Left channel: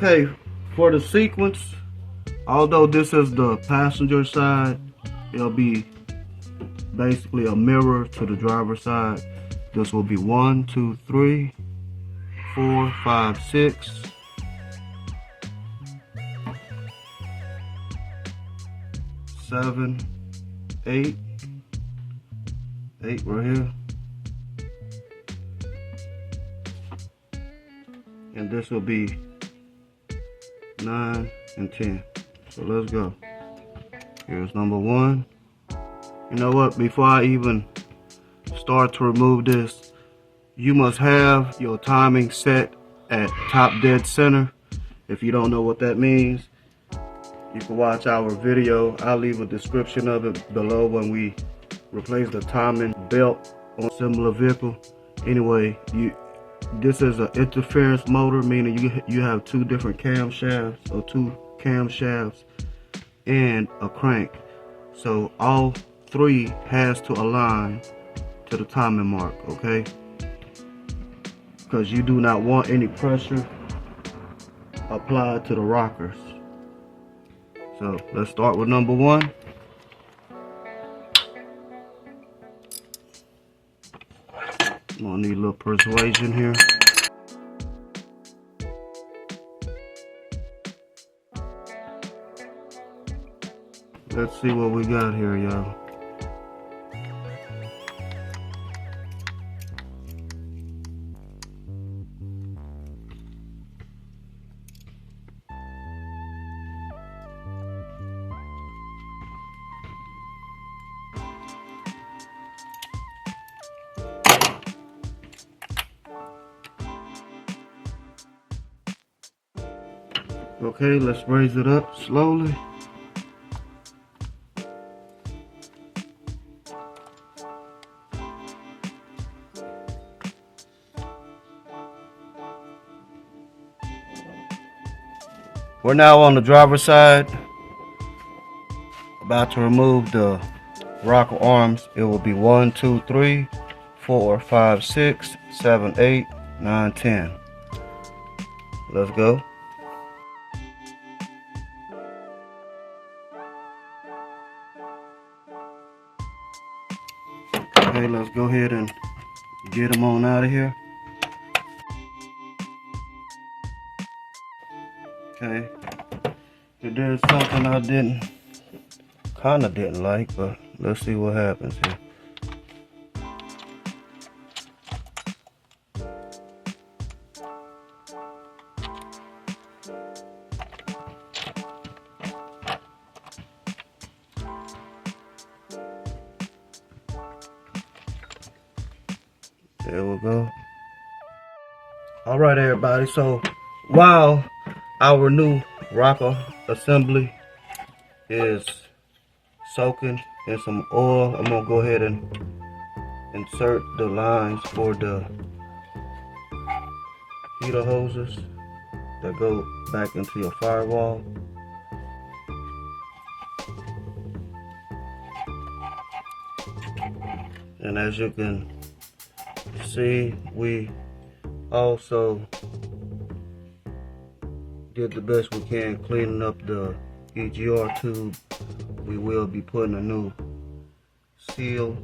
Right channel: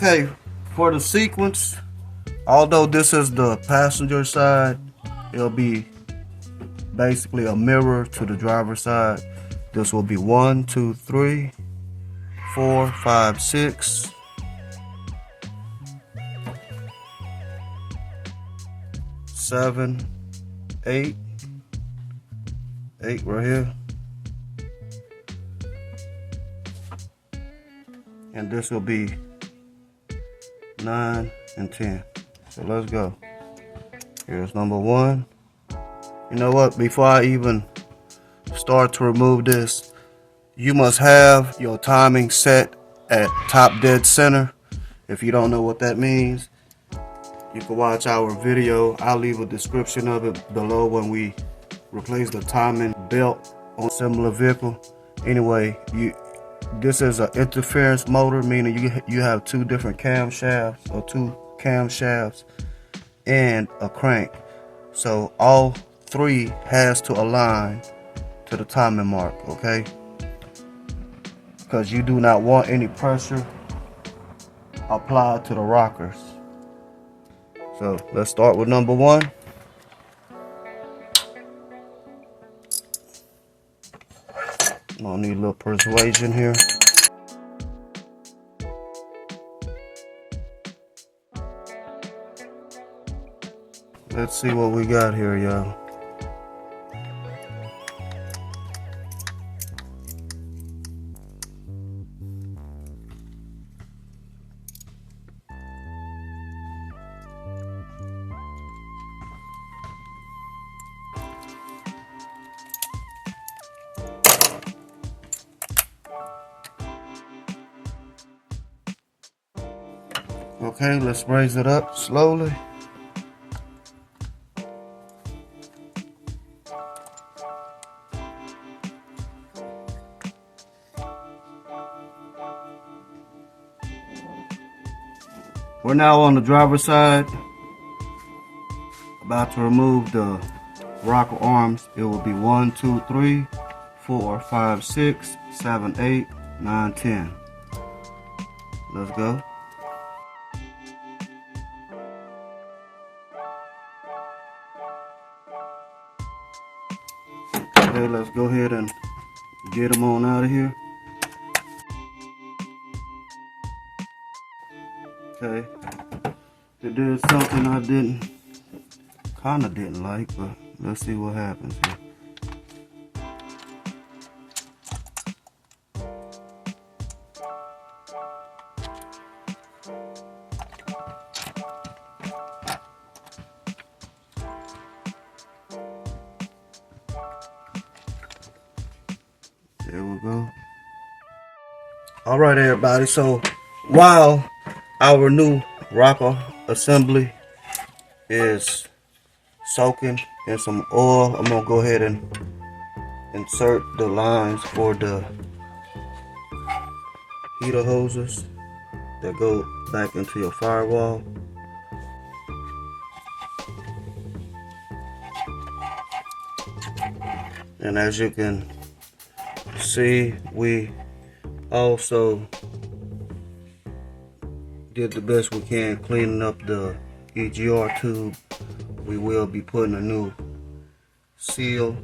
Okay, for the sequence, although this is the passenger side, it'll be basically a mirror to the driver's side. This will be 1, 2, 3, 4, 5, 6, 7, 8, 8 right here, and this will be 9 and 10. So let's go. Here's number 1. You know what? Before I even start to remove this, you must have your timing set at top dead center. If you don't know what that means, you can watch our video. I'll leave a description of it below when we replace the timing belt on a similar vehicle. Anyway, this is an interference motor, meaning you have 2 different camshafts or 2 camshafts and a crank. So all 3 has to align to the timing mark, okay? Because you do not want any pressure applied to the rockers. So let's start with number 1. I need a little persuasion here. Let's see what we got here, y'all. Okay, let's raise it up slowly. We're now on the driver's side, about to remove the rocker arms. It will be 1, 2, 3, 4, 5, 6, 7, 8, 9, 10. Let's go. Okay, let's go ahead and get them on out of here. Okay, there's something I kinda didn't like, but let's see what happens here. There we go. All right, everybody. So while our new rocker assembly is soaking in some oil, I'm gonna go ahead and insert the lines for the heater hoses that go back into your firewall. And as you can see, we also did the best we can cleaning up the EGR tube. We will be putting a new seal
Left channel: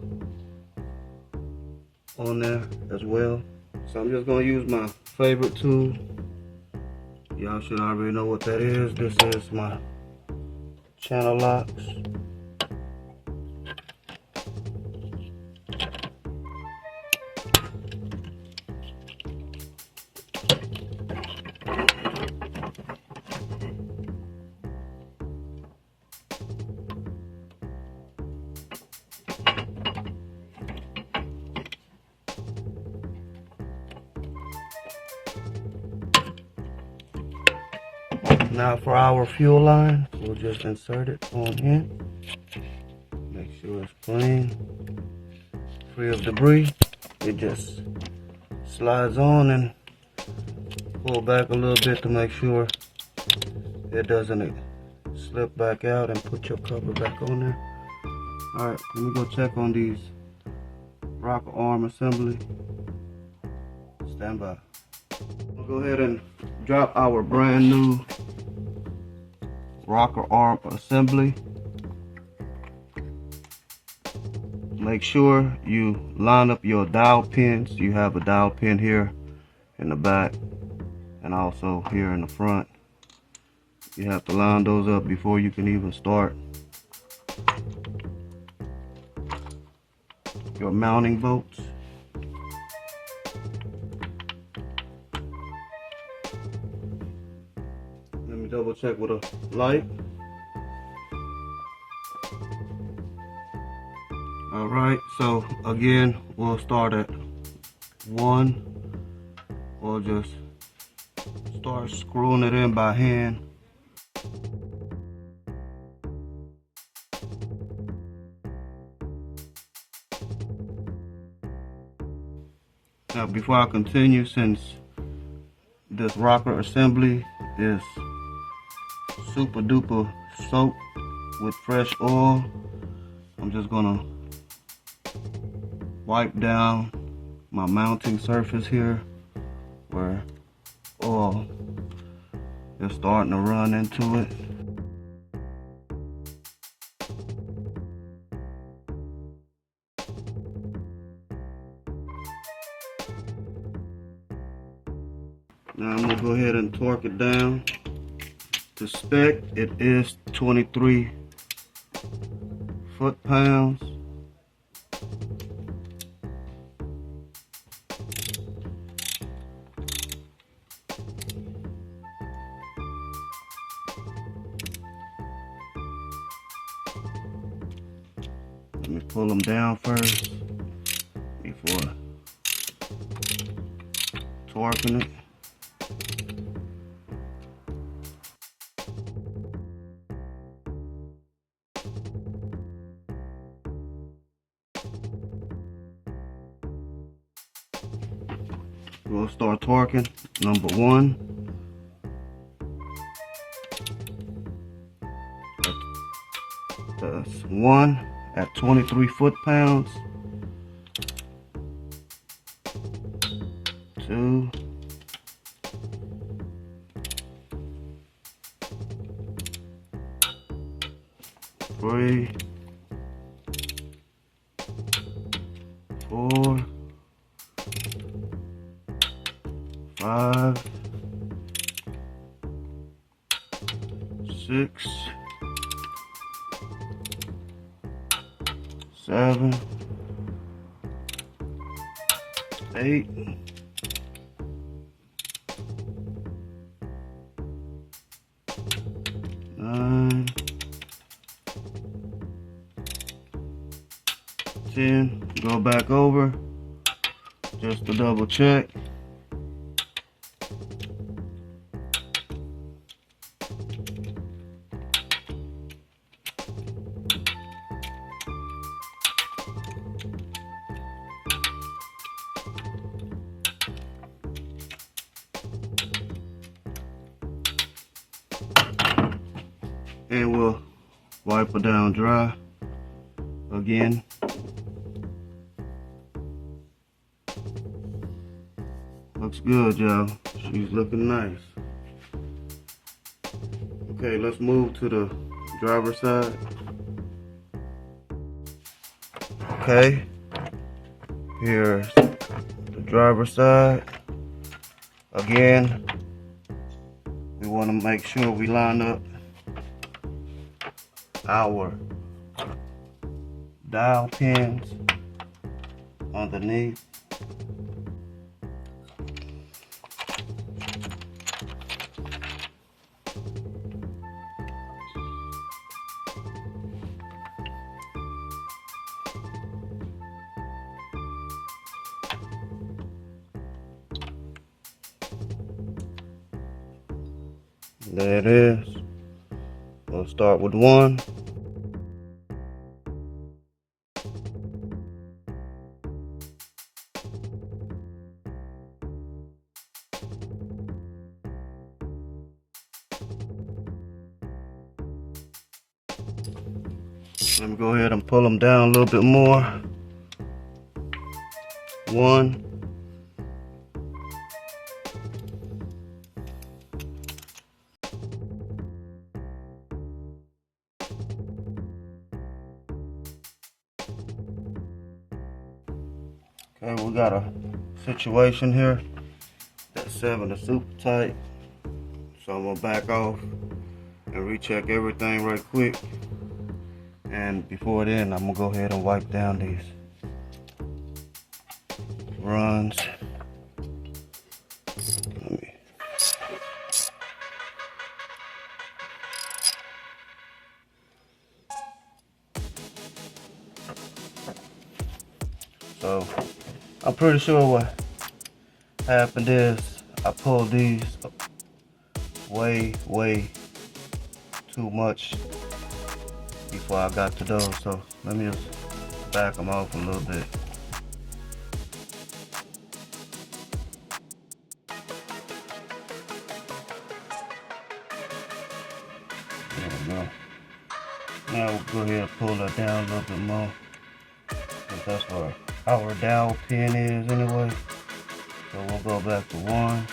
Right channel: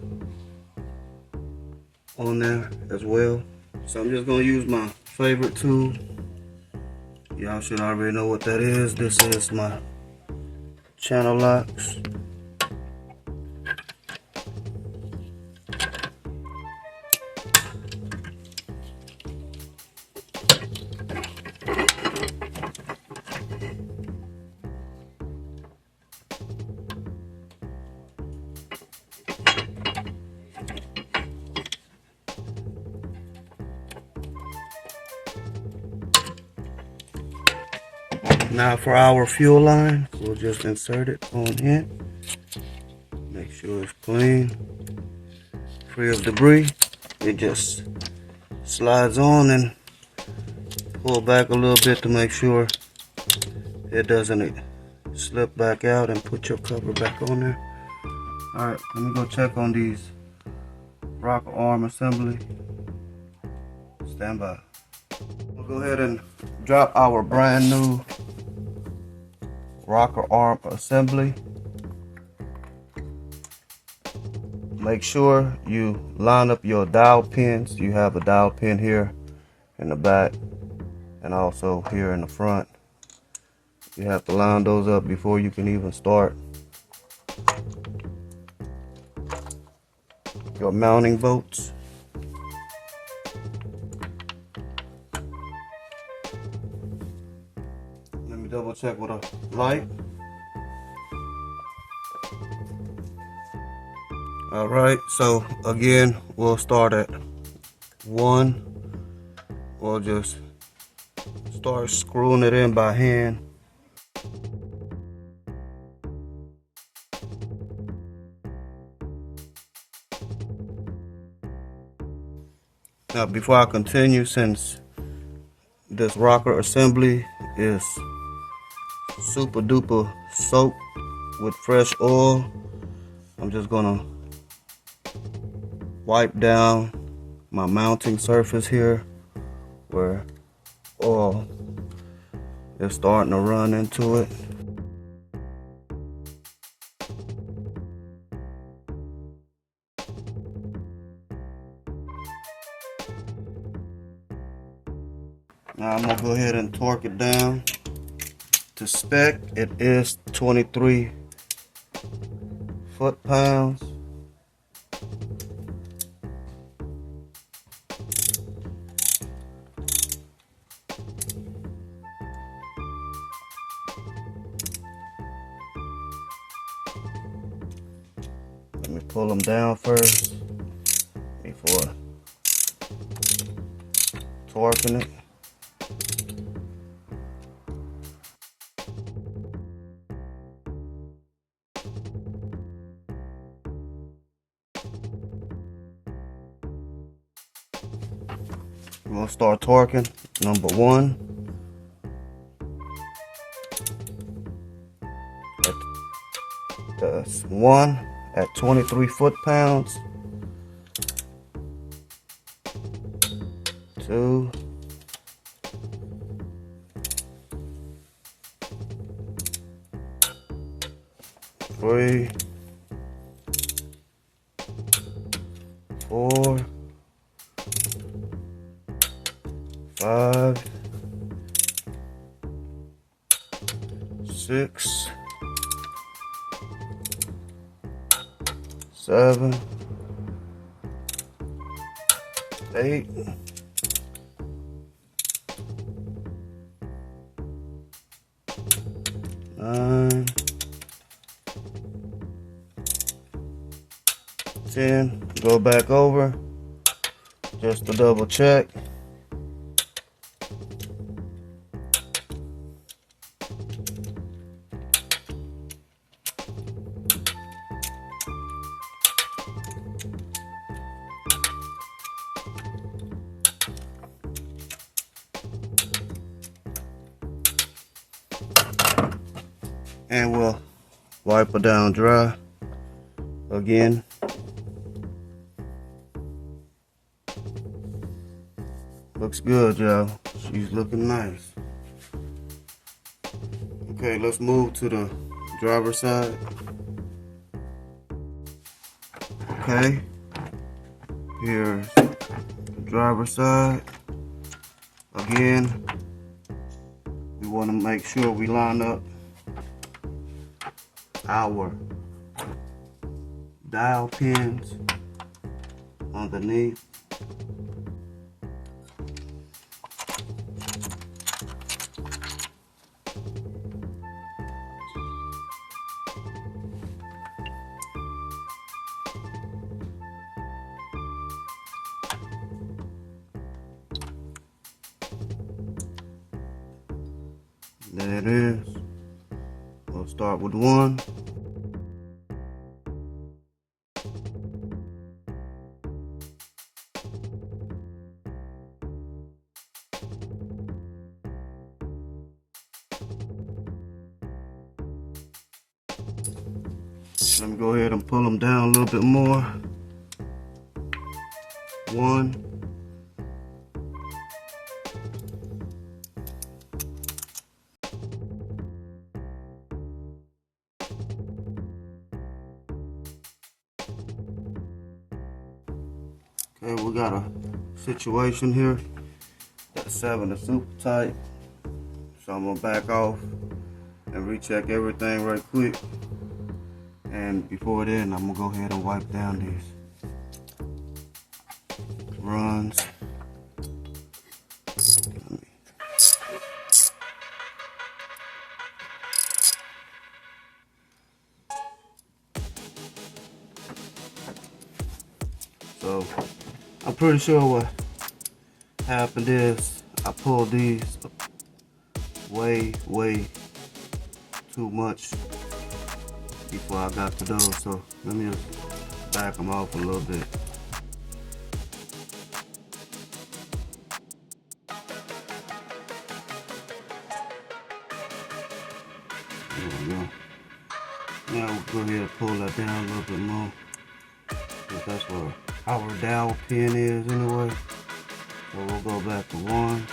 on there as well. So I'm just gonna use my favorite tool. Y'all should already know what that is. This is my channel locks. Now for our fuel line, we'll just insert it on in. Make sure it's clean, free of debris. It just slides on and pull back a little bit to make sure it doesn't slip back out, and put your cover back on there. All right, let me go check on these rocker arm assembly. Stand by. We'll go ahead and drop our brand new rocker arm assembly. Make sure you line up your dowel pins. You have a dowel pin here in the back and also here in the front. You have to line those up before you can even start your mounting bolts. Let me double check with a light. All right, so again, we'll start at 1. We'll just start screwing it in by hand. Now, before I continue, since this rocker assembly is super duper soaked with fresh oil, I'm just gonna wipe down my mounting surface here where oil is starting to run into it. Now I'm gonna go ahead and torque it down to spec. It is 23 foot-pounds. Let me pull them down first before torquing it. We're gonna start torquing. Number 1. That's 1 at 23 foot-pounds. 2. 3. 4. 5. 6. 7. 8. 9. 10. Go back over just to double check. And we'll wipe it down dry again. Looks good, y'all. She's looking nice. Okay, let's move to the driver's side. Okay, here's the driver's side. Again, we want to make sure we line up our dowel pins underneath. There it is. We'll start with 1. Let me go ahead and pull them down a little bit more. 1. Okay, we got a situation here. That 7 is super tight. So I'm gonna back off and recheck everything right quick. And before then, I'm gonna go ahead and wipe down these runs. So I'm pretty sure what happened is I pulled these way too much before I got to those. So let me just back them off a little bit. There we go. Now we'll go ahead and pull that down a little bit more, because that's where our down pin is anyway. So we'll go back to 1.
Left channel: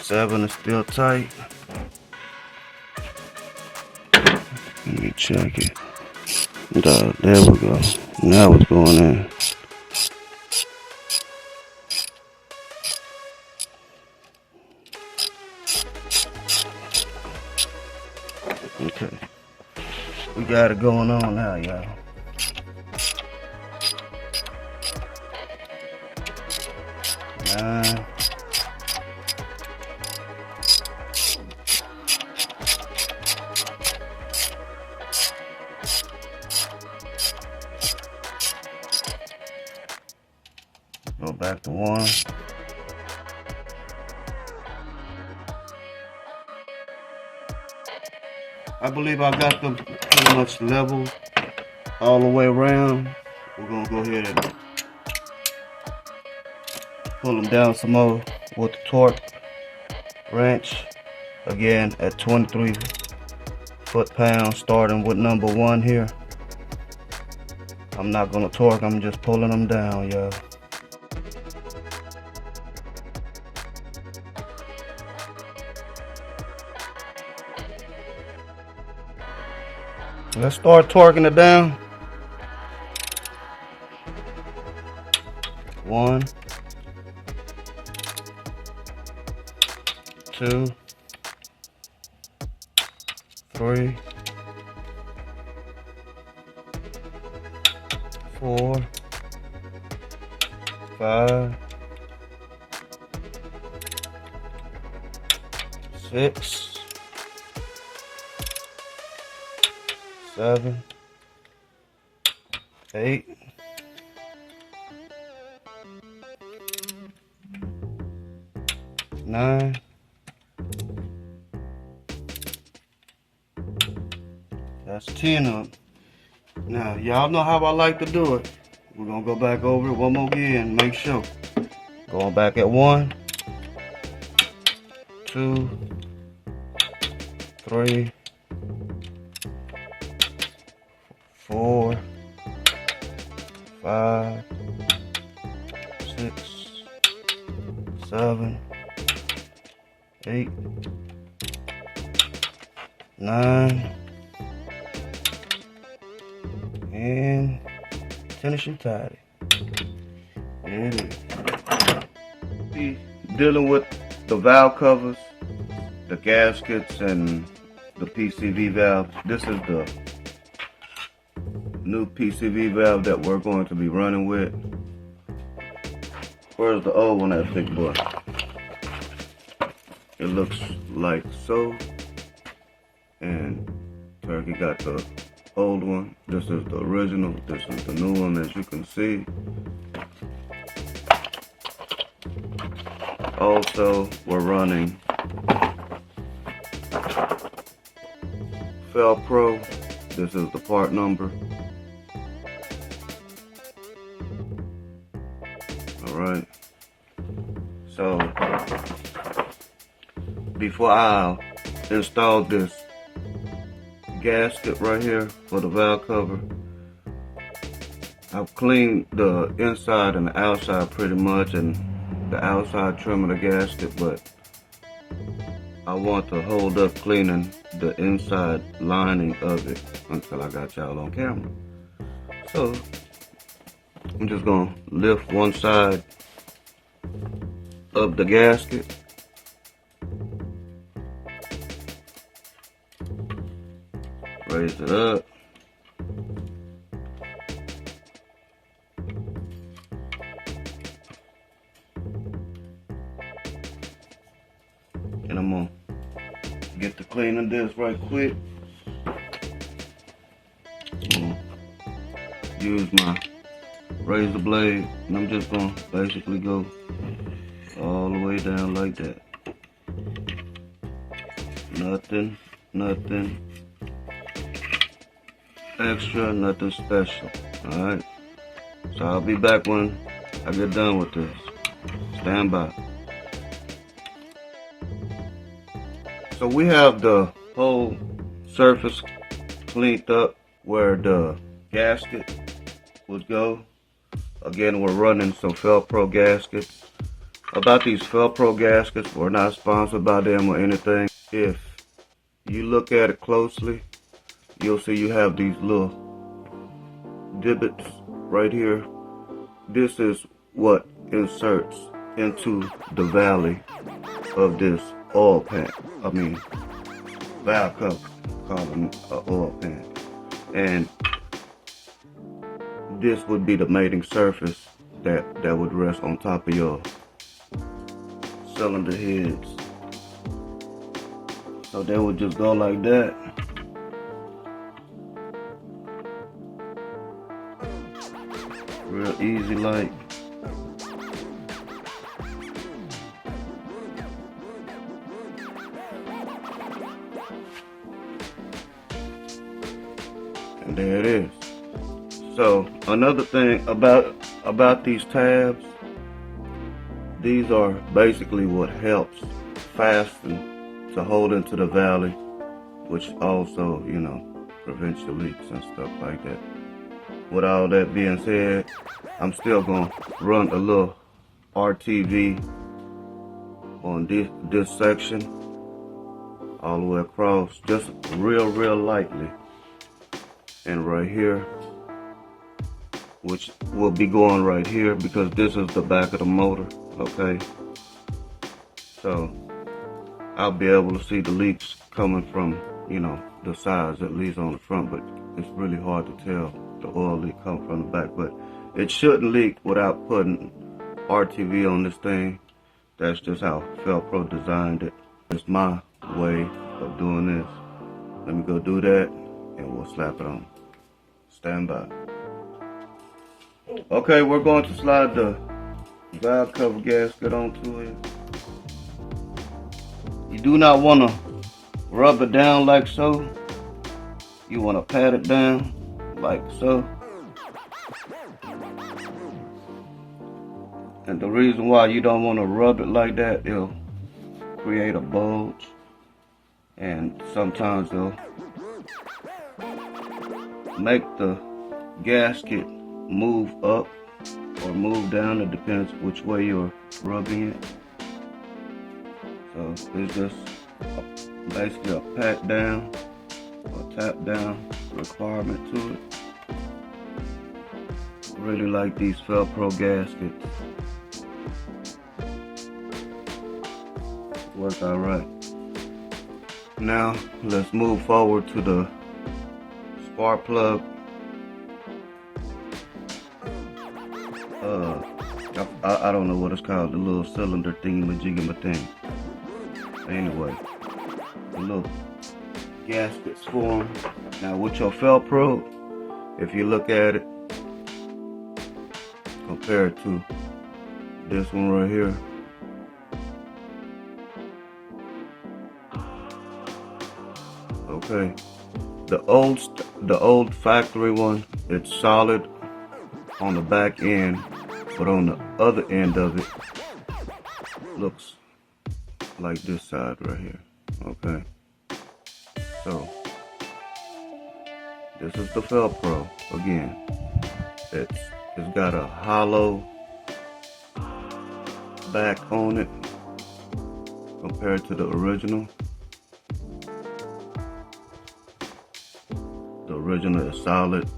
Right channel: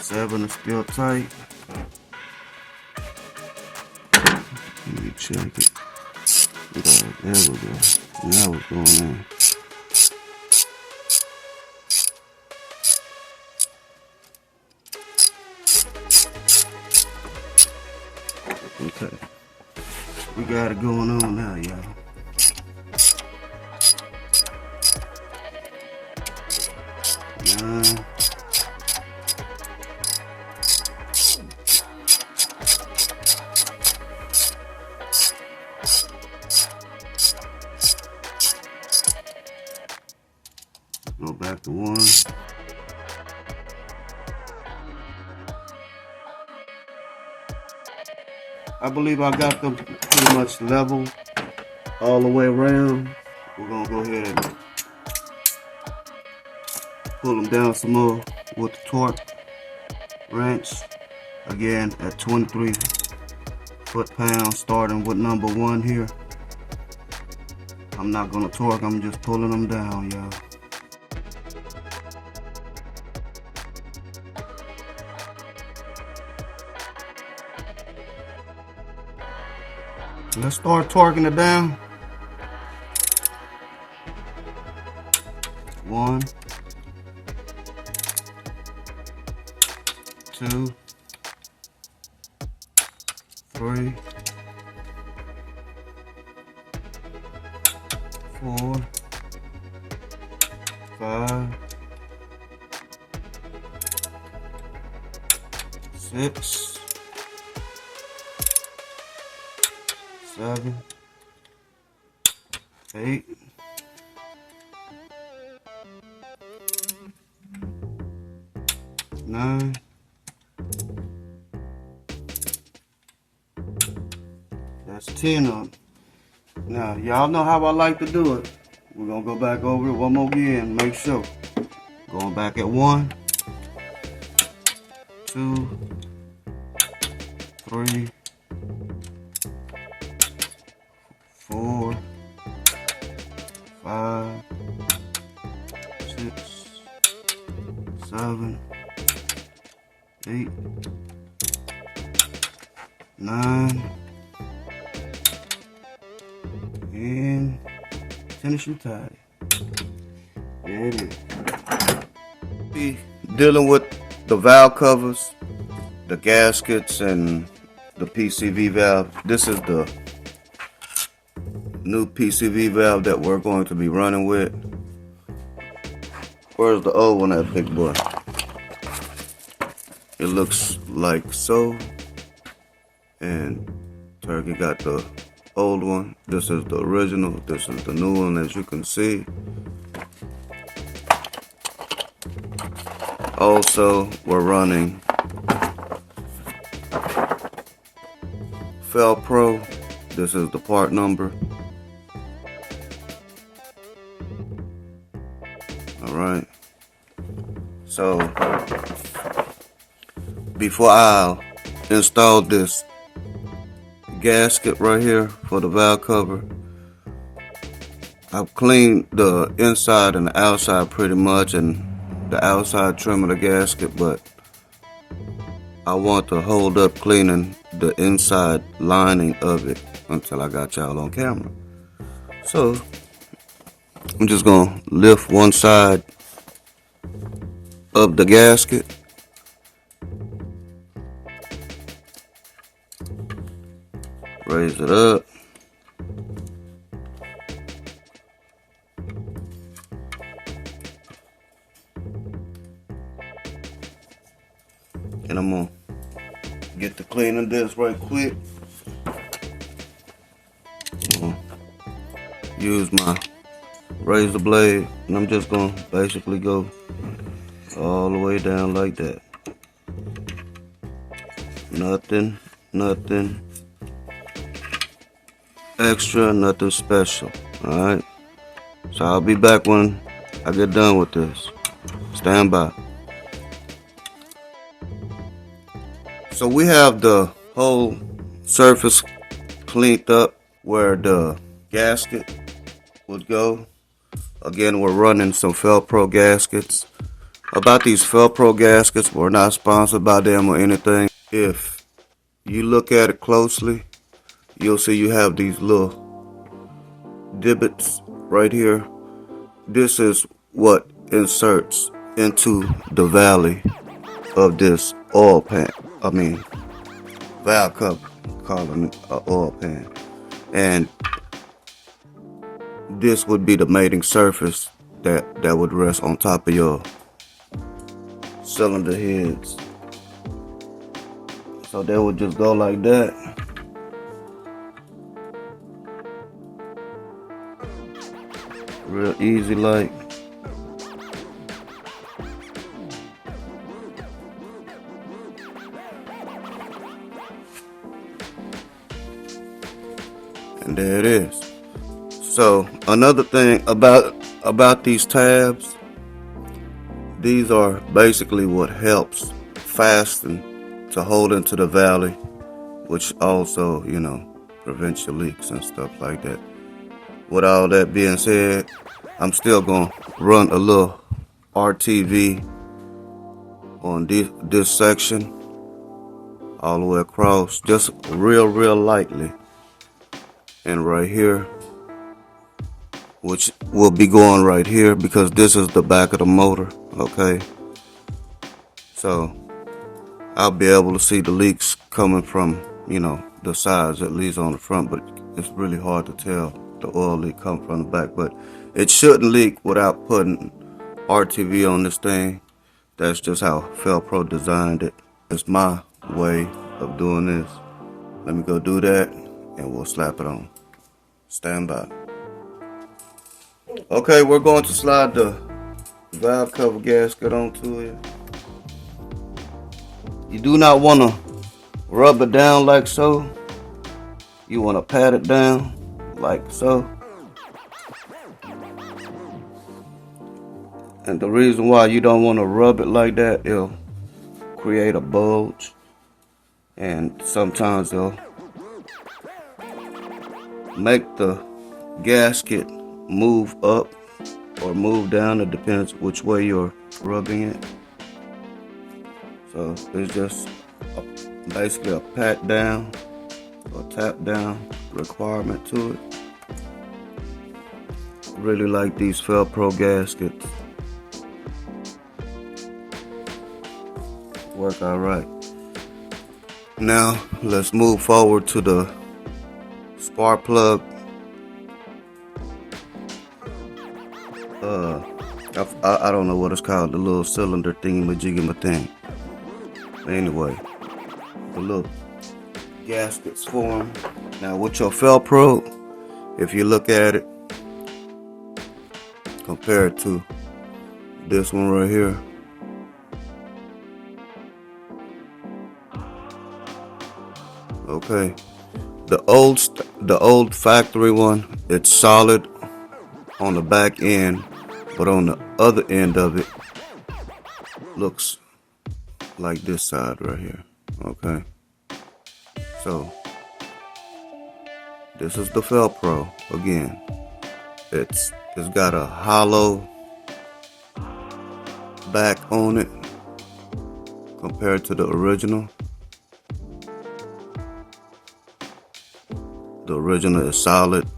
7 is still tight. Let me check it. There we go. Now it's going in. Okay. We got it going on now, y'all. Nine. Go back to 1. I believe I got them pretty much level all the way around. We're gonna go ahead and pull them down some more with the torque wrench. Again at 23 foot-pounds, starting with number 1 here. I'm not gonna torque, I'm just pulling them down, y'all. Let's start torquing it down. 1, 2, 3, 4, 5, 6, 7, 8, 9, 10 of them. Now, y'all know how I like to do it. We're gonna go back over it one more again, make sure. Going back at 1, 2, 3, 4, 5, 6, 7, 8, 9, and finish it tidy. There it is. Be dealing with the valve covers, the gaskets, and the PCV valve. This is the new PCV valve that we're going to be running with. Where's the old one at Big Boy? It looks like so. And Turkey got the old one. This is the original. This is the new one, as you can see. Also, we're running Pro. This is the part number. Alright. So, before I install this gasket right here for the valve cover, I've cleaned the inside and the outside pretty much, and the outside trim of the gasket, but I want to hold up cleaning the inside lining of it until I got y'all on camera. So I'm just gonna lift one side of the gasket. Raise it up. And I'm gonna get to cleaning this right quick. Use my razor blade, and I'm just gonna basically go all the way down like that. Nothing extra, nothing special. Alright, so I'll be back when I get done with this. Stand by. So we have the whole surface cleaned up where the gasket would go. Again, we're running some Felpro gaskets. About these Felpro gaskets, we're not sponsored by them or anything. If you look at it closely, you'll see you have these little divots right here. This is what inserts into the valley of this oil pan. Valve cover, call it an oil pan. And this would be the mating surface that would rest on top of your cylinder heads. So they would just go like that. Real easy like. And there it is. So another thing about these tabs, these are basically what helps fasten to hold into the valley, which also, you know, prevents your leaks and stuff like that. With all that being said, I'm still gonna run a little RTV on this section all the way across, just real lightly. And right here, which will be going right here because this is the back of the motor, okay? So I'll be able to see the leaks coming from, you know, the sides, at least on the front, but it's really hard to tell the oil leak come from the back. But it shouldn't leak without putting RTV on this thing. That's just how Felpro designed it. It's my way of doing this. Let me go do that and we'll slap it on. Stand by. Okay, we're going to slide the valve cover gasket onto it. You do not want to rub it down like so. You want to pat it down like so. And the reason why you don't want to rub it like that, it'll create a bulge. And sometimes it'll make the gasket move up or move down. It depends which way you're rubbing it. So it's just basically a pat down or tap down requirement to it. Really like these Felpro gaskets. Work all right. Now let's move forward to the spark plug. I don't know what it's called, the little cylinder thingy-majiggy thing. Anyway, the little gaskets form. Now with your Felpro, if you look at it, compared to this one right here, okay, the old factory one, it's solid on the back end, but on the other end of it looks like this side right here. Okay, so this is the Felpro. Again, it's got a hollow back on it compared to the original. The original is solid.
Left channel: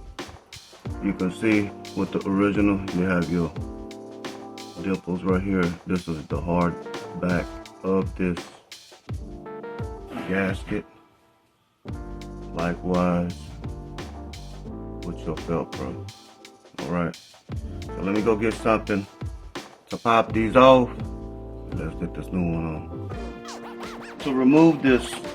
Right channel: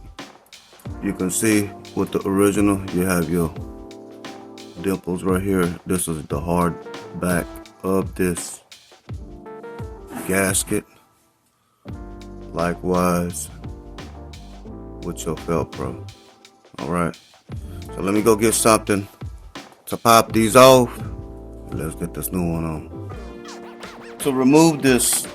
You can see with the original, you have your dimples right here. This is the hard back of this gasket. Likewise with your Velcro. Alright, so let me go get something to pop these off. Let's get this new one on. To remove this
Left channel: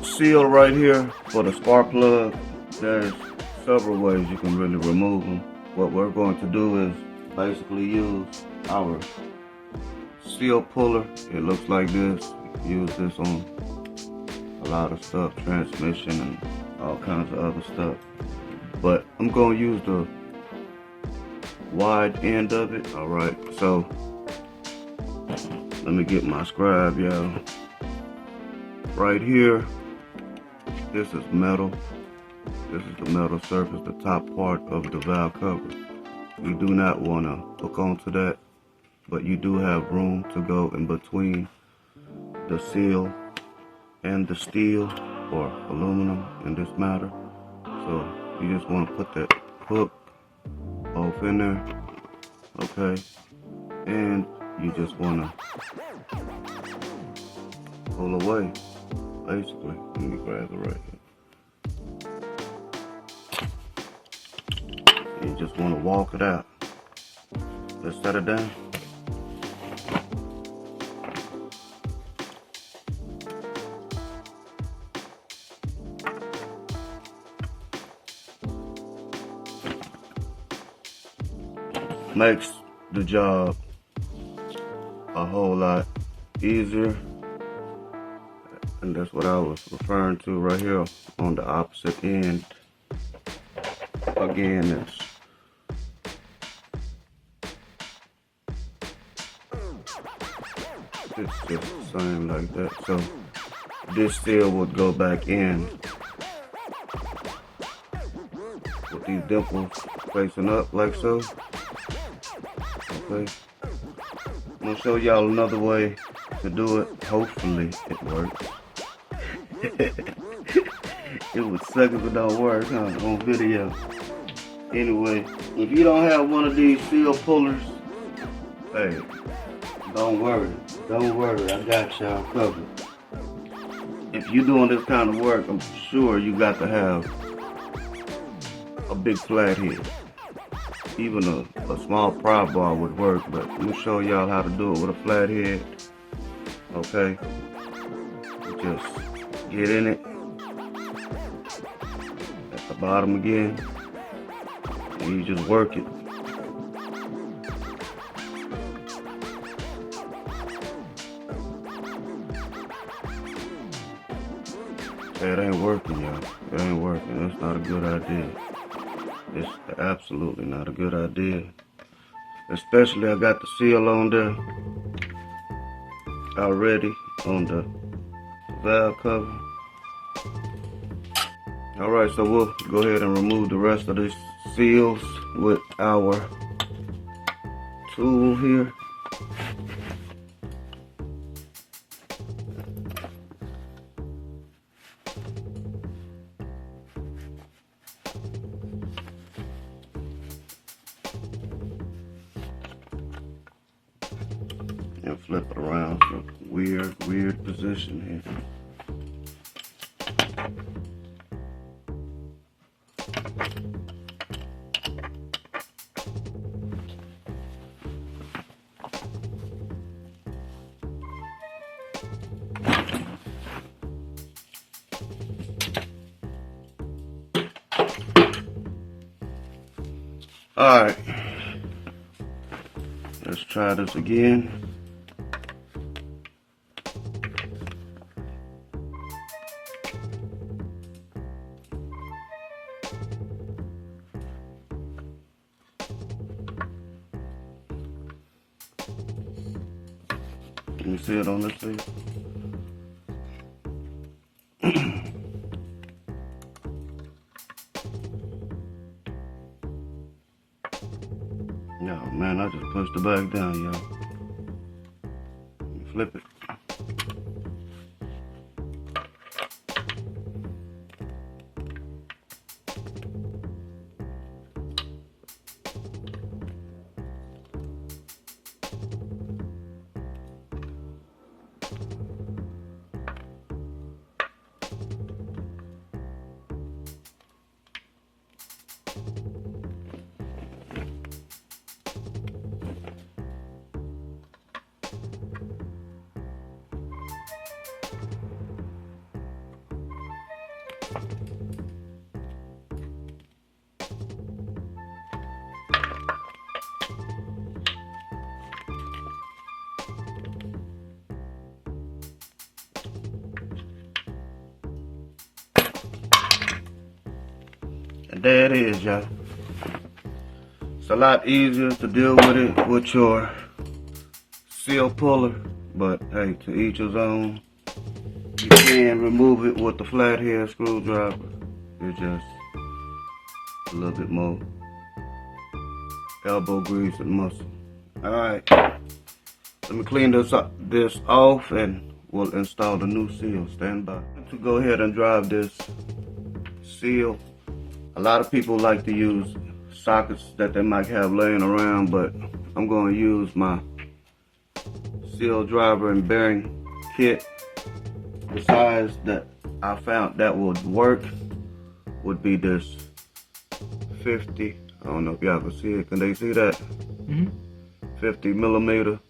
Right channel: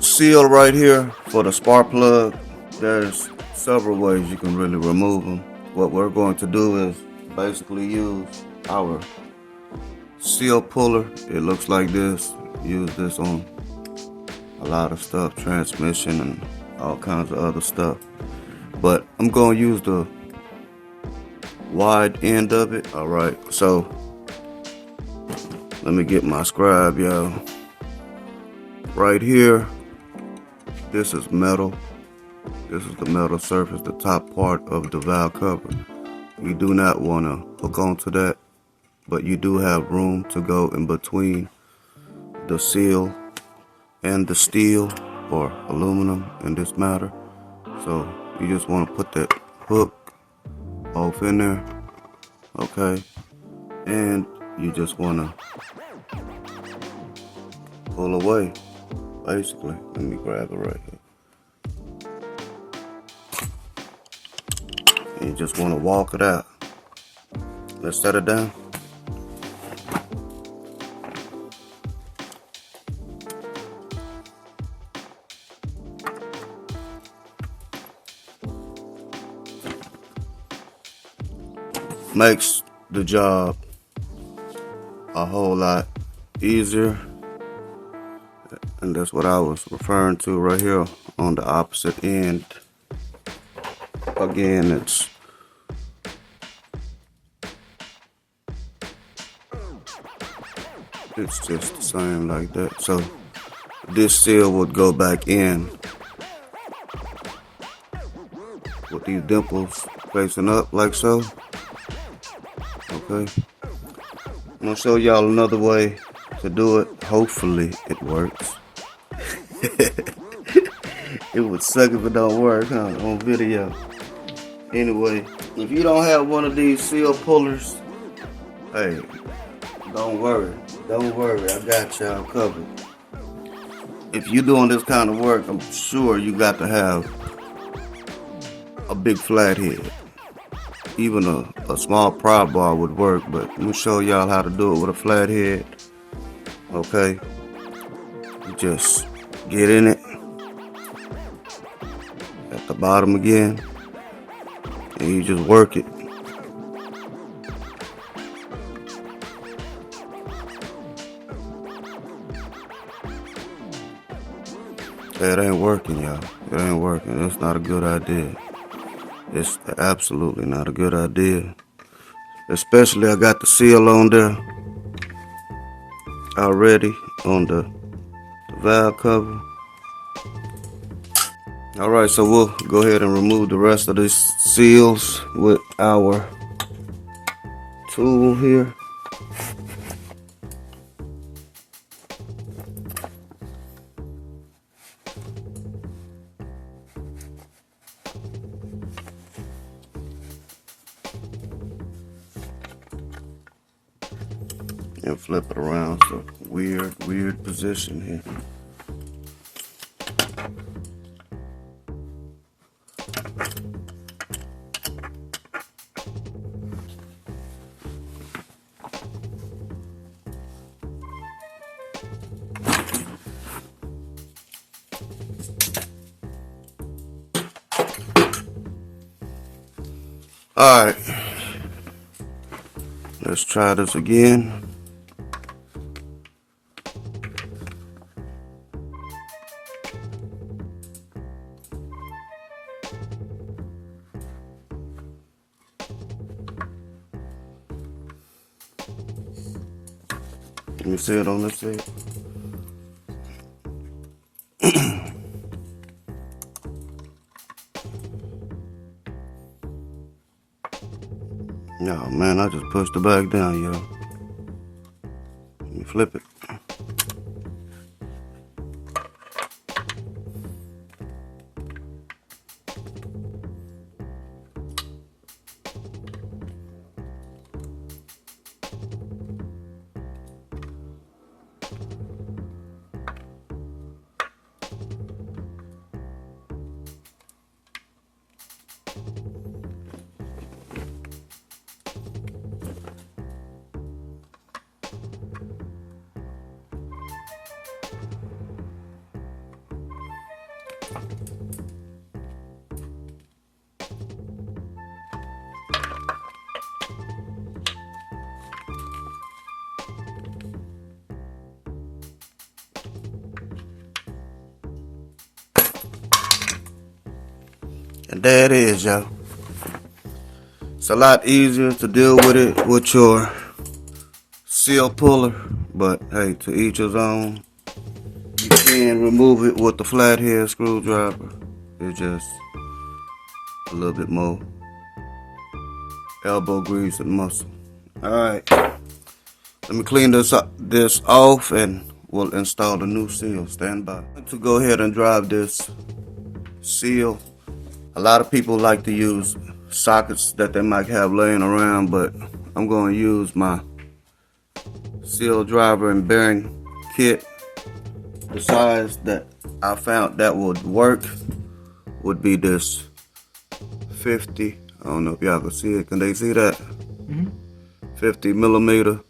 seal right here for the spark plug, there's several ways you can really remove them. What we're going to do is basically use our seal puller. It looks like this. Use this on a lot of stuff, transmission and all kinds of other stuff. But I'm going to use the wide end of it. Alright, so let me get my scribe, y'all. Right here, this is metal. This is the metal surface, the top part of the valve cover. You do not want to hook onto that, but you do have room to go in between the seal and the steel or aluminum in this matter. So you just want to put that hook off in there, okay? And you just want to pull away, basically. Let me grab it right here. And you just want to walk it out. Let's set it down. Makes the job a whole lot easier, and that's what I was referring to right here on the opposite end. Again, it's just the same like that. So this seal would go back in with these dimples facing up like so. Okay, I'm gonna show y'all another way to do it. Hopefully it works. It would suck if it don't work, huh, on video. Anyway, if you don't have one of these seal pullers, hey, don't worry, I got y'all covered. If you're doing this kind of work, I'm sure you got to have a big flat head. Even a small prop bar would work, but let me show y'all how to do it with a flat head. Okay, you just get in it at the bottom again, and you just work it. It ain't working, y'all. It ain't working. It's not a good idea. It's absolutely not a good idea. Especially I got the seal on there already on the valve cover. Alright, so we'll go ahead and remove the rest of these seals with our tool here. And flip it around. So weird position here. All right, let's try this again. Let me see it on this side. No, man, I just pushed it back down, yo. Let me flip it. And there it is, y'all. It's a lot easier to deal with it with your seal puller, but hey, to each his own. You can remove it with the flathead screwdriver. It's just a little bit more elbow grease and muscle. Alright, let me clean this off and we'll install the new seal. Stand by. To go ahead and drive this seal, a lot of people like to use sockets that they might have laying around, but I'm going to use my seal driver and bearing kit. The size that I found that would work would be this 50. I don't know if y'all can see it. Can they see that? 50 millimeter.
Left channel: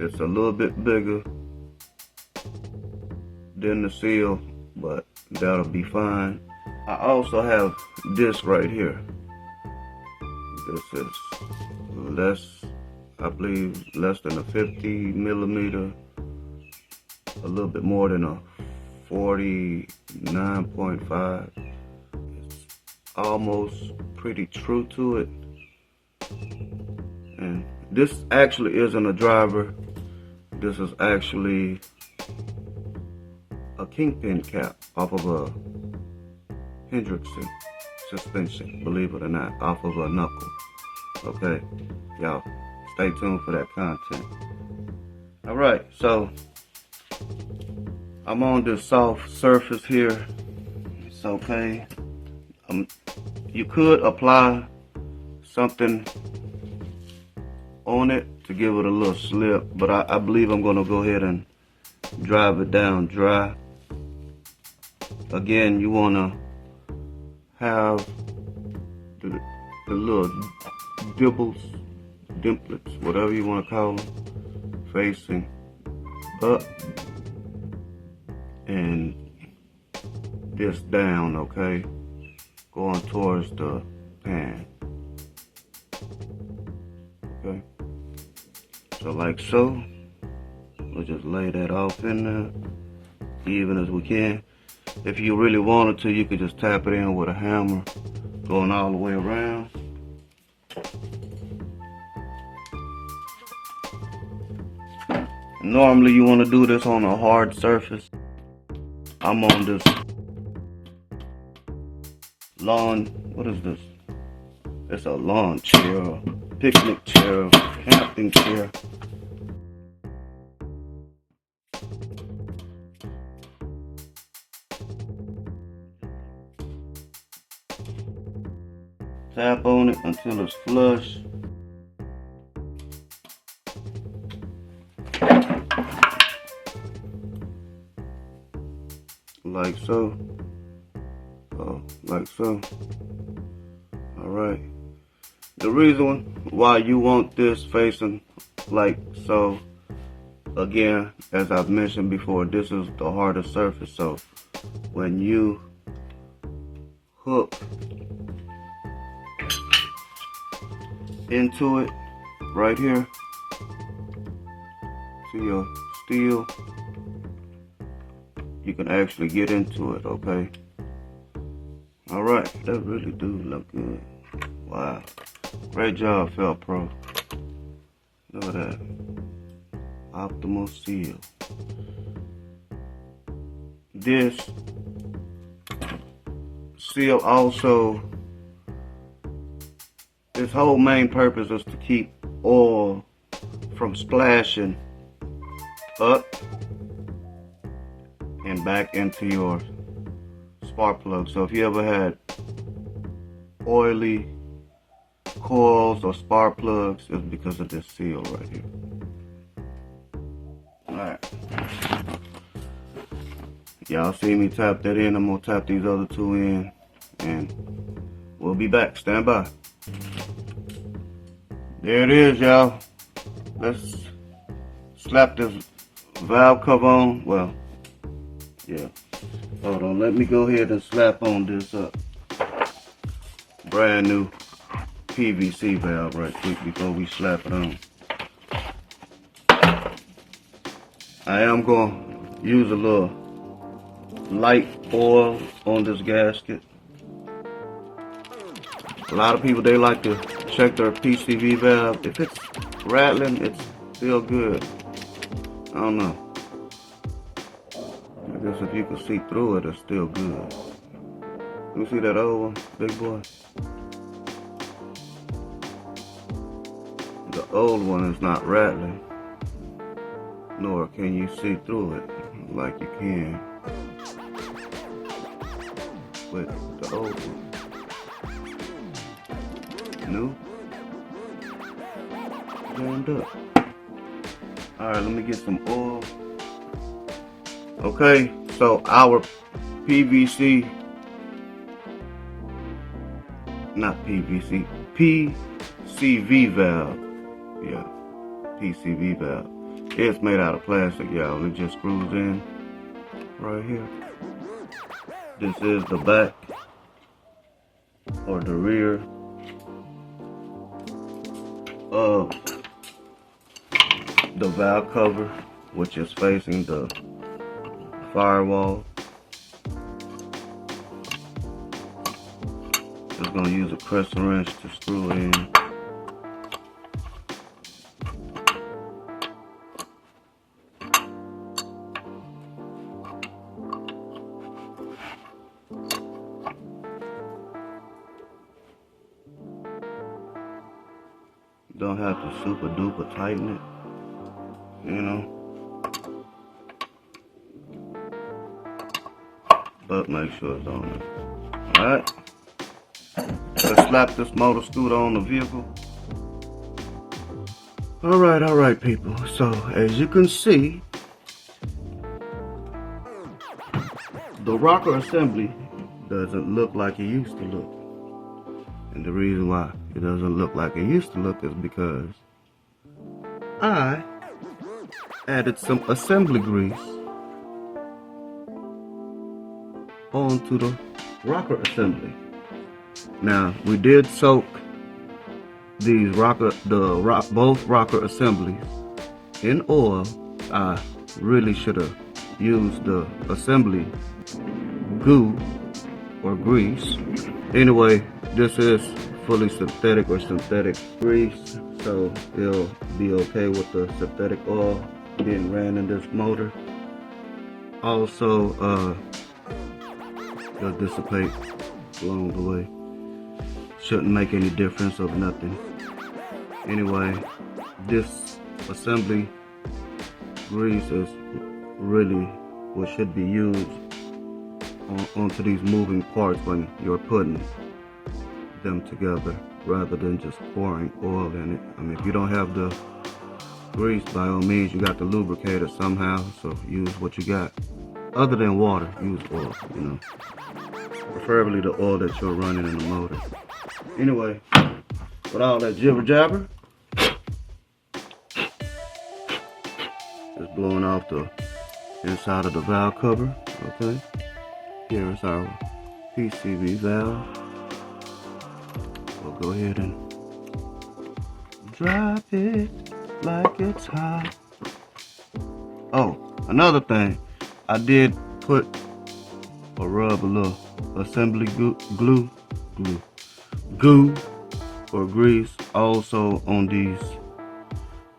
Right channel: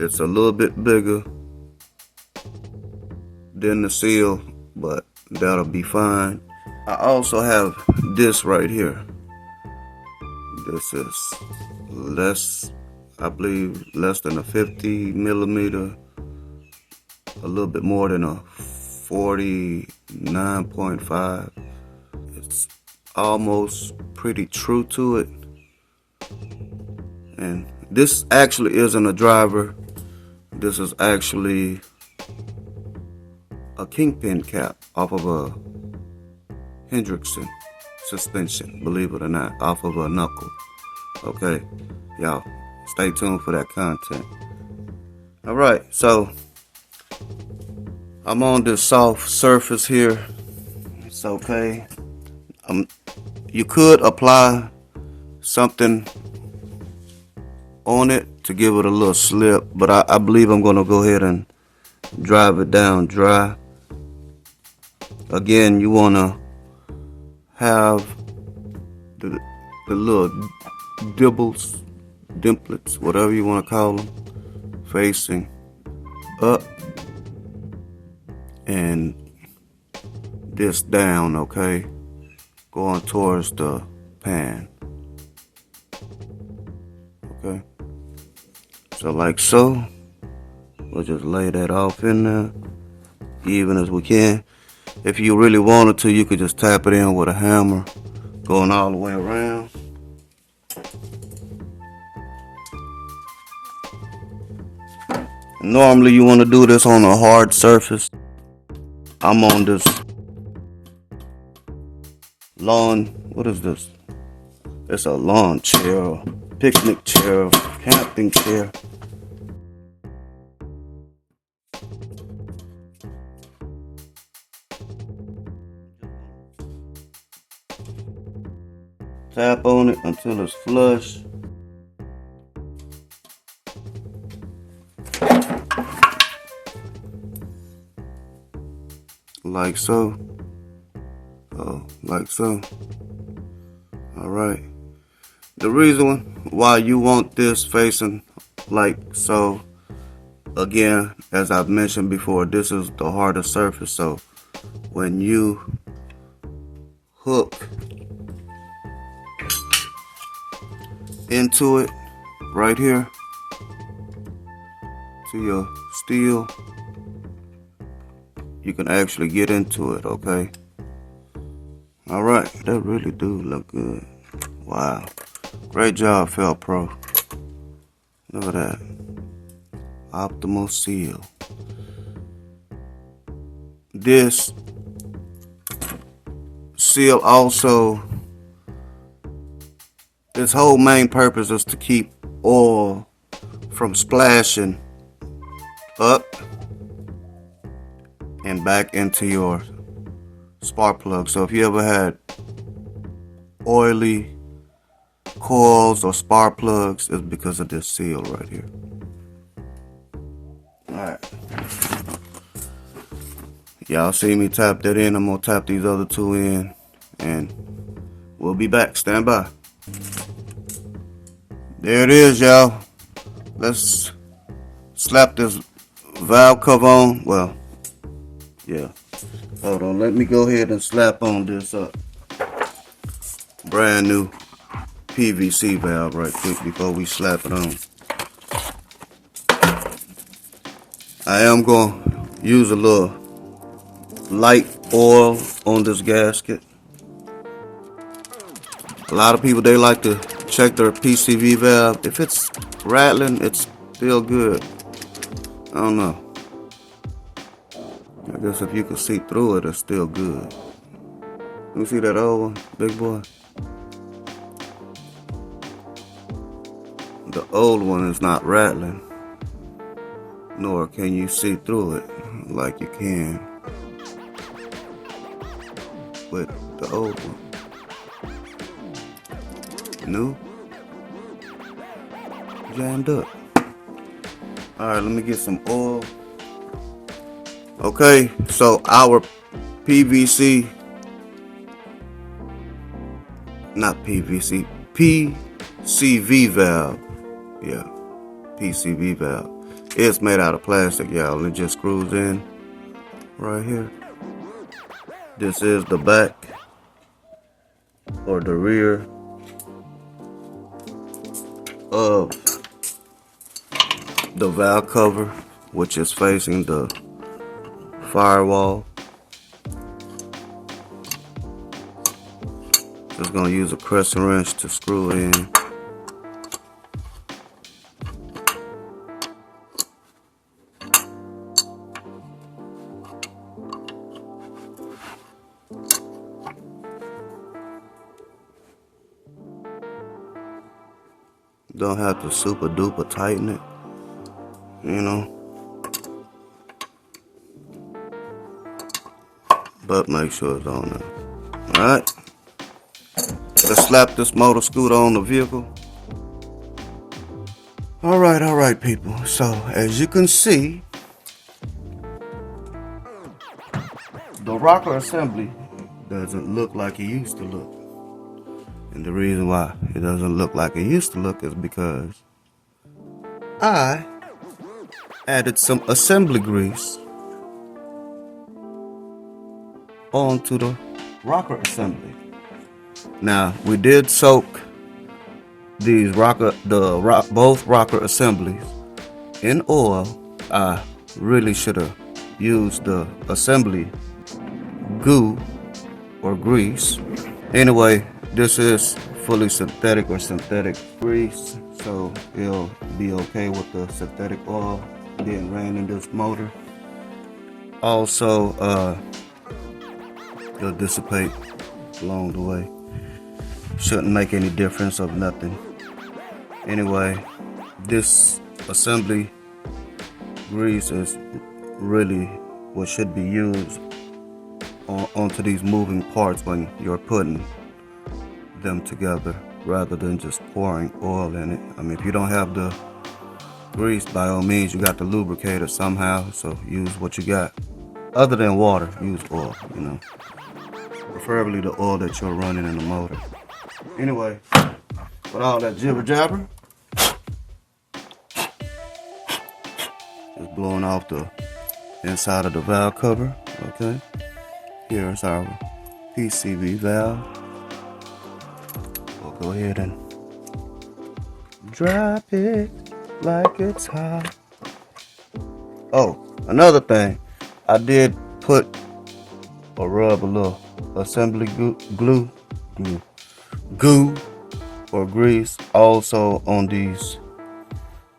It's a little bit bigger than the seal, but that'll be fine. I also have this right here. This is less, I believe, less than a 50 millimeter. A little bit more than a 49.5. It's almost pretty true to it. And this actually isn't a driver. This is actually a kingpin cap off of a Hendrickson suspension, believe it or not, off of a knuckle. Okay, y'all, stay tuned for that content. All right, so I'm on this soft surface here. It's okay. You could apply something on it to give it a little slip, but I believe I'm gonna go ahead and drive it down dry. Again, you wanna have the little dimplets, whatever you wanna call them, facing up, and this down, okay, going towards the pan. Okay, so like so, we'll just lay that off in there even as we can. If you really wanted to, you could just tap it in with a hammer going all the way around. Normally you want to do this on a hard surface. I'm on this lawn, what is this? It's a lawn chair, picnic chair, camping chair. Tap on it until it's flush. Like so. Like so. Alright. The reason why you want this facing like so, again, as I've mentioned before, this is the harder surface, so when you hook into it right here to your steel, you can actually get into it, okay? All right, that really do look good. Wow, great job, Felt Pro. Look at that, optimal seal. This seal also, its whole main purpose is to keep oil from splashing up and back into your spark plug. So if you ever had oily coils or spark plugs, it's because of this seal right here. Alright. Y'all see me tap that in. I'm gonna tap these other two in and we'll be back. Stand by. There it is, y'all. Let's slap this valve cover on. Well, yeah. Hold on, let me go ahead and slap on this brand new PVC valve right quick before we slap it on. I am going to use a little light oil on this gasket. A lot of people, they like to check their PCV valve. If it's rattling, it's still good. I don't know. I guess if you can see through it, it's still good. You see that old one, big boy? The old one is not rattling, nor can you see through it like you can with the old one. New, jammed up. Alright, let me get some oil. Okay, so our PCV valve. Yeah, PCV valve. It's made out of plastic, y'all. It just screws in right here. This is the back or the rear of the valve cover, which is facing the firewall. Just gonna use a Chrysler wrench to screw it in. Don't have to super duper tighten it, you know, but make sure it's on there. Alright, let's slap this motor scooter on the vehicle. Alright people, so as you can see, the rocker assembly doesn't look like it used to look. And the reason why it doesn't look like it used to look is because I added some assembly grease onto the rocker assembly. Now, we did soak these both rocker assemblies in oil. I really should have used the assembly goo or grease. Anyway, this is fully synthetic or synthetic grease, so it'll be okay with the synthetic oil being ran in this motor. Also, it'll dissipate along the way. Shouldn't make any difference of nothing. Anyway, this assembly grease is really what should be used onto these moving parts when you're putting them together, rather than just pouring oil in it. I mean, if you don't have the grease, by all means, you got to lubricate it somehow, so use what you got. Other than water, use oil, you know. Preferably the oil that you're running in the motor. Anyway, with all that jibber jabber, just blowing off the inside of the valve cover, okay? Here's our PCV valve. We'll go ahead and drop it like it's hot. Oh, another thing, I did put or rub a little assembly goo or grease also on these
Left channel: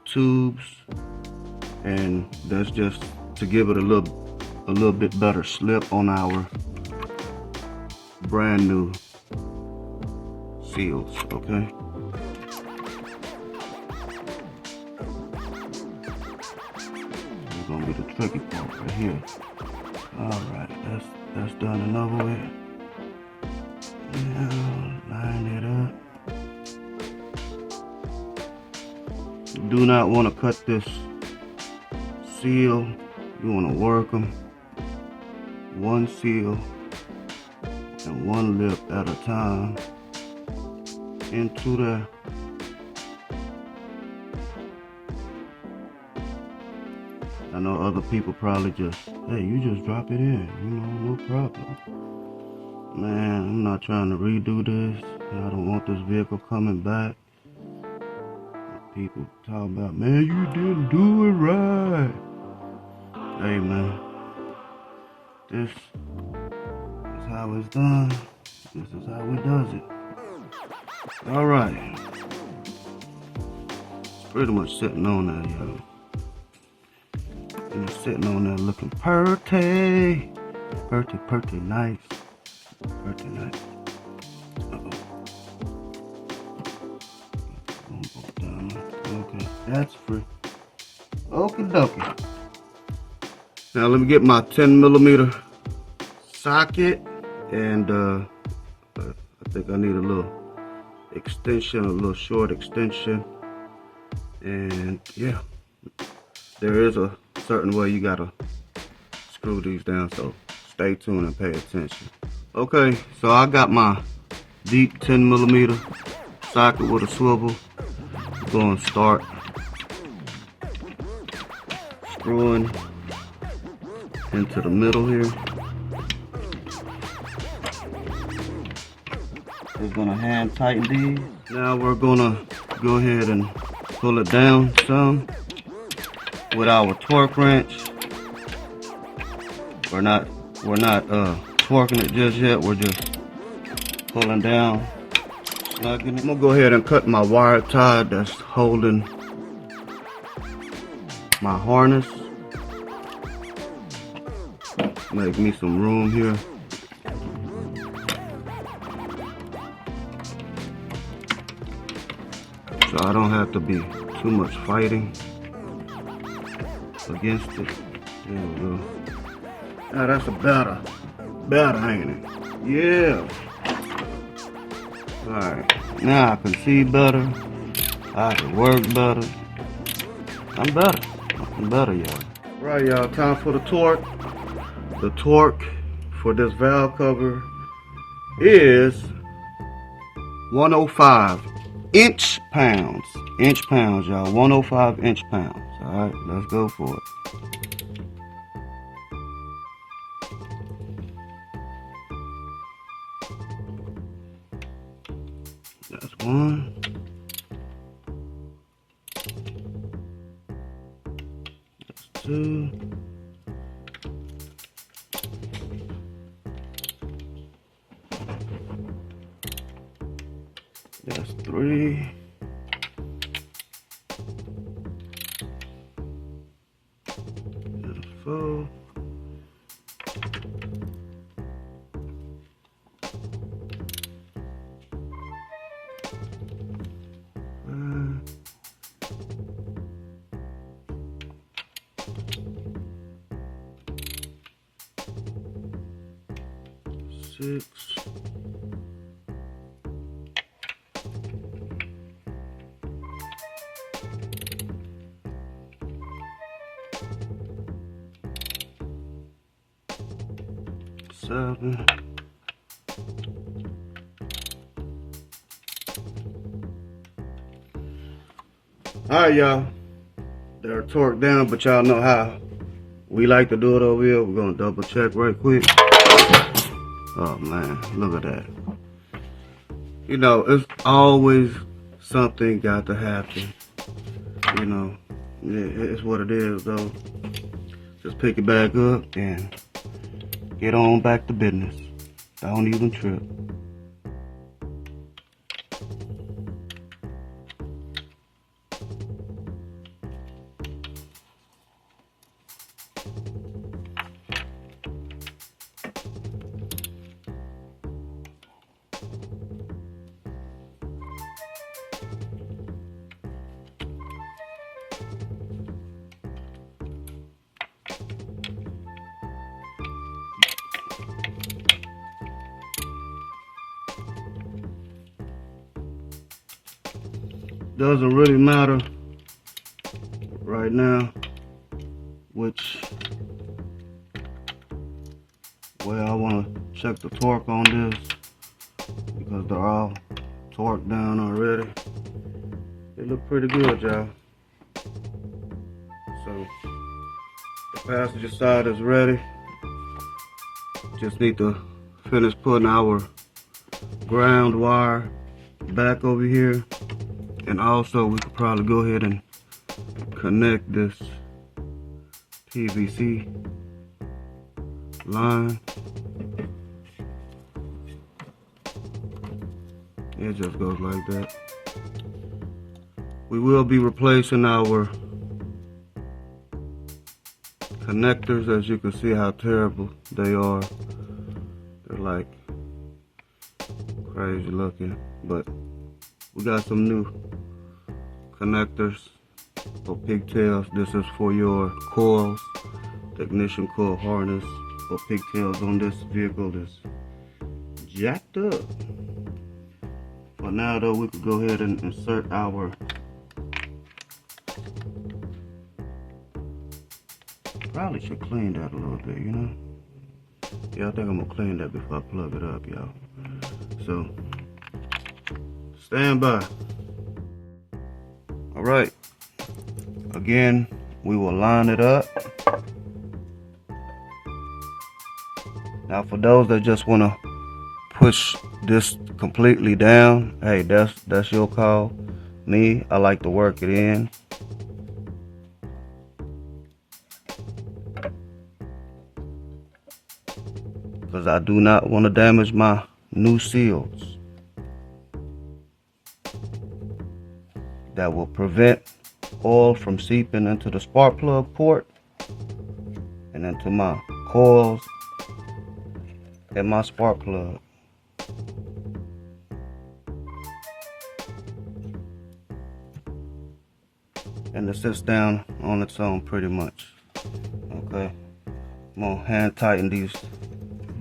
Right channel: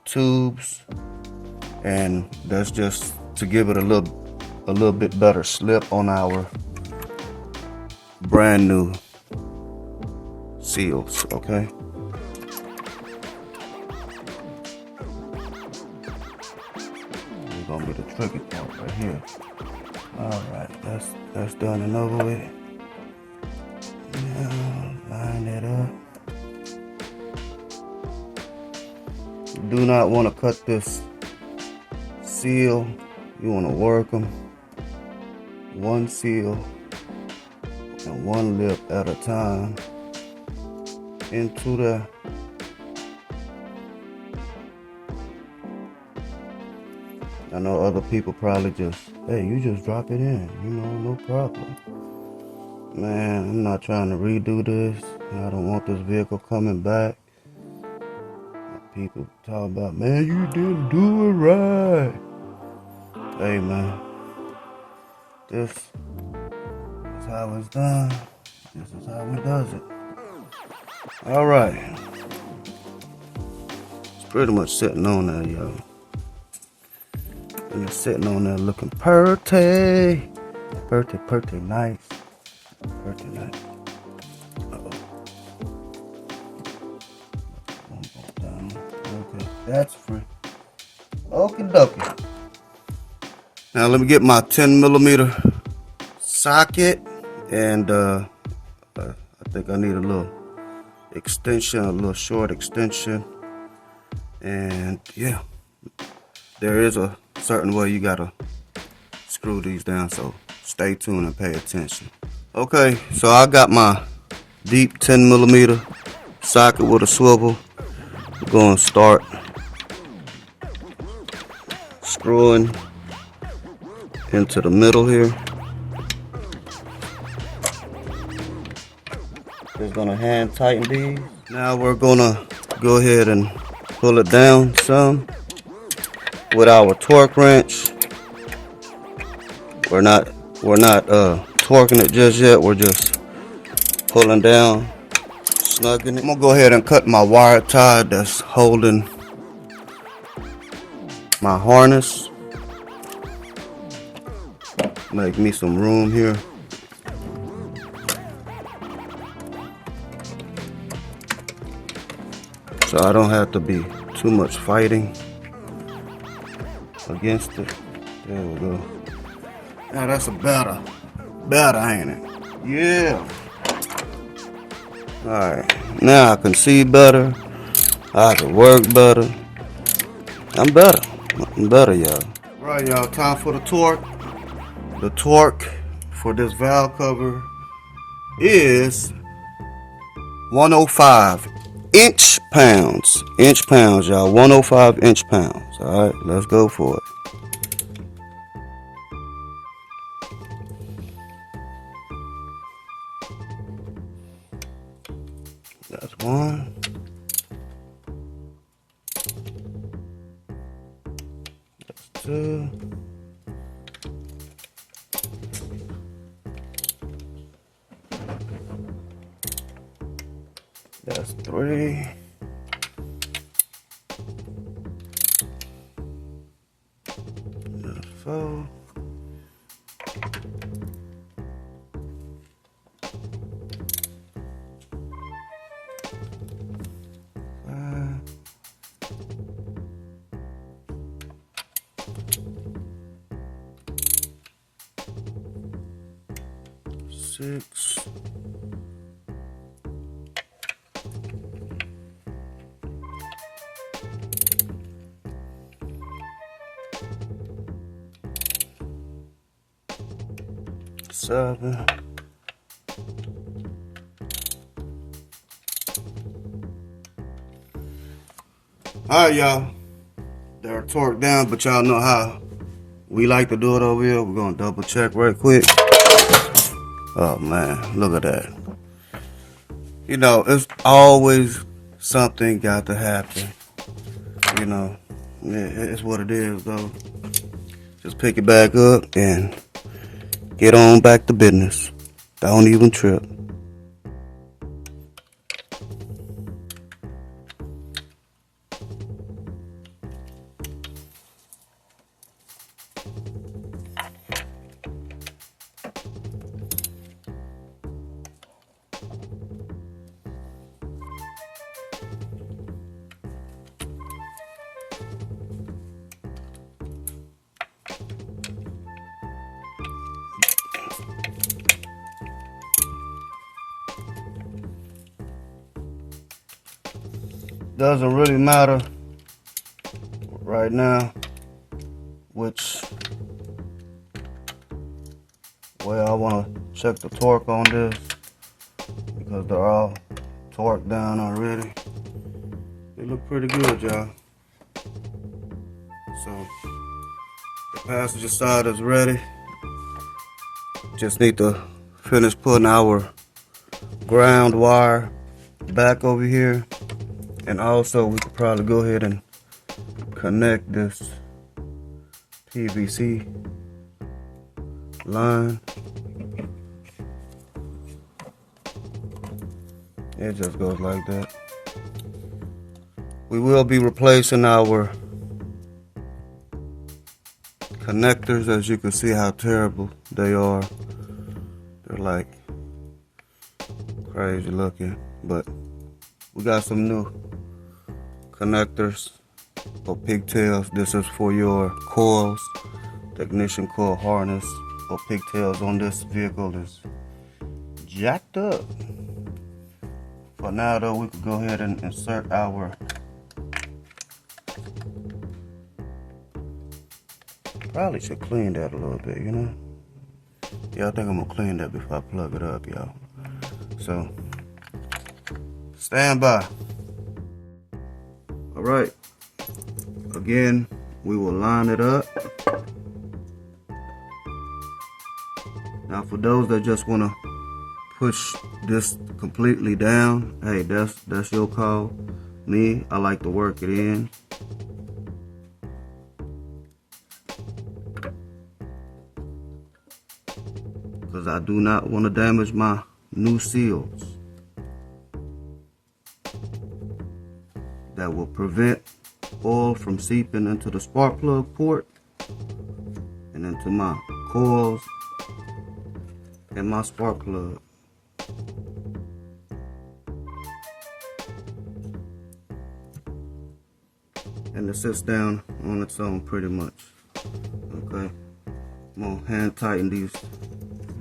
tubes, and that's just to give it a little bit better slip on our brand new seals, okay? It's gonna be the tricky part right here. Alright, that's done and over with. Now, line it up. You do not want to cut this seal. You want to work them one seal and one lip at a time into the I know other people probably just, hey, you just drop it in, you know, no problem. Man, I'm not trying to redo this. I don't want this vehicle coming back. People talk about, man, you didn't do it right. Hey, man, this is how it's done. This is how we does it. All right. It's pretty much sitting on there, y'all. And it's sitting on there looking pretty. Pretty nice. Pretty nice. Uh-oh. One more down. Okay, that's free. Okie dokie. Now let me get my 10mm socket, and I think I need a little extension, a little short extension. And yeah, there is a certain way you gotta screw these down, so stay tuned and pay attention. Okay, so I got my deep 10mm socket with a swivel. I'm gonna start screwing into the middle here. We're gonna hand tighten these. Now we're gonna go ahead and pull it down some with our torque wrench. We're not torquing it just yet. We're just pulling down, snugging it. I'm gonna go ahead and cut my wire tie that's holding my harness. Make me some room here. So I don't have to be too much fighting against it. There we go. Now that's a better, ain't it? Yeah. Alright, now I can see better. I can work better. I'm better, y'all. Right, y'all, time for the torque. The torque for this valve cover is 105 inch-pounds, y'all. 105 inch-pounds. All right, let's go for it. That's one. That's two. That's three. That's four. Six. 7. Alright, y'all. They're torqued down, but y'all know how we like to do it over here. We're gonna double check right quick. Oh man, look at that. You know, it's always something got to happen. You know, it's what it is though. Just pick it back up and get on back to business. Don't even trip. Doesn't really matter right now which way I want to check the torque on this, because they're all torqued down already. They look pretty good, y'all. So the passenger side is ready. Just need to finish putting our ground wire back over here. And also, we could probably go ahead and connect this PVC line. It just goes like that. We will be replacing our connectors. As you can see how terrible they are. They're like crazy looking, but we got some new connectors for pigtails. This is for your coils. The ignition coil harness or pigtails on this vehicle is jacked up. For now though, we could go ahead and insert our probably should clean that a little bit, you know? Yeah, I think I'm gonna clean that before I plug it up, y'all. So, stand by. All right. Again, we will line it up. Now, for those that just wanna push this completely down, hey, that's your call. Me, I like to work it in. Because I do not want to damage my new seals. That will prevent oil from seeping into the spark plug port and into my coils and my spark plug. And it sits down on its own pretty much. Okay, I'm gonna hand tighten these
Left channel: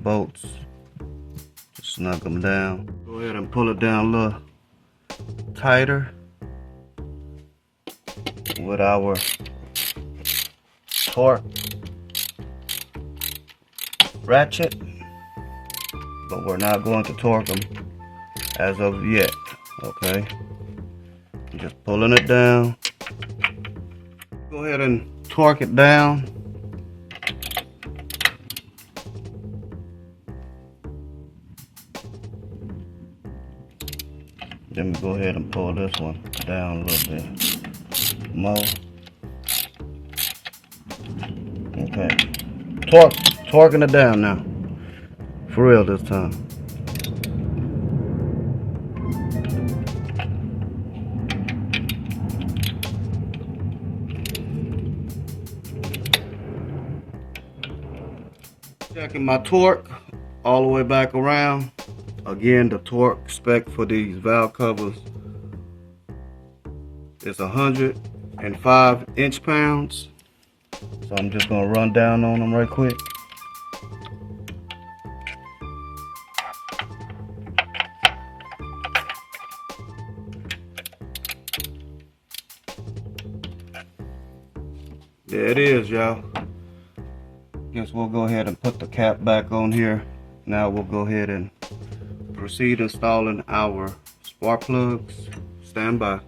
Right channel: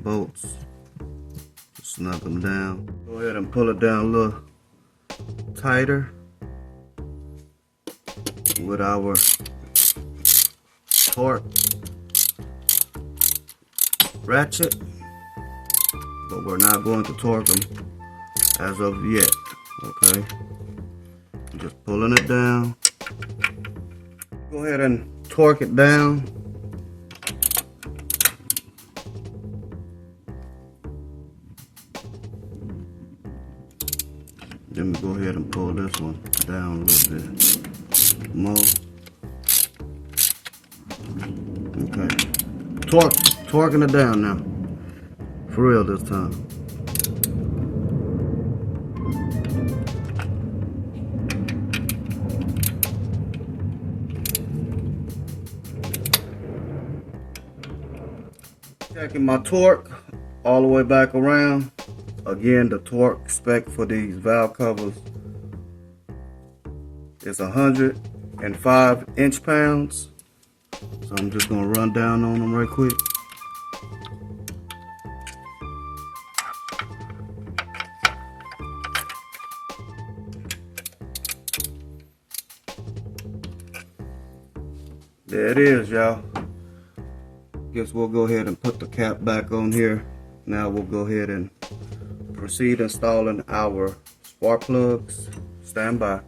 bolts, snug them down. Go ahead and pull it down a little tighter with our torque ratchet, but we're not going to torque them as of yet. Okay, just pulling it down. Go ahead and torque it down. Then we go ahead and pull this one down a little bit more. Okay, torquing it down now, for real this time. Checking my torque all the way back around. Again, the torque spec for these valve covers is 105 inch-pounds. So I'm just gonna run down on them right quick. There it is, y'all. Guess we'll go ahead and put the cap back on here. Now we'll go ahead and proceed installing our spark plugs. Stand by.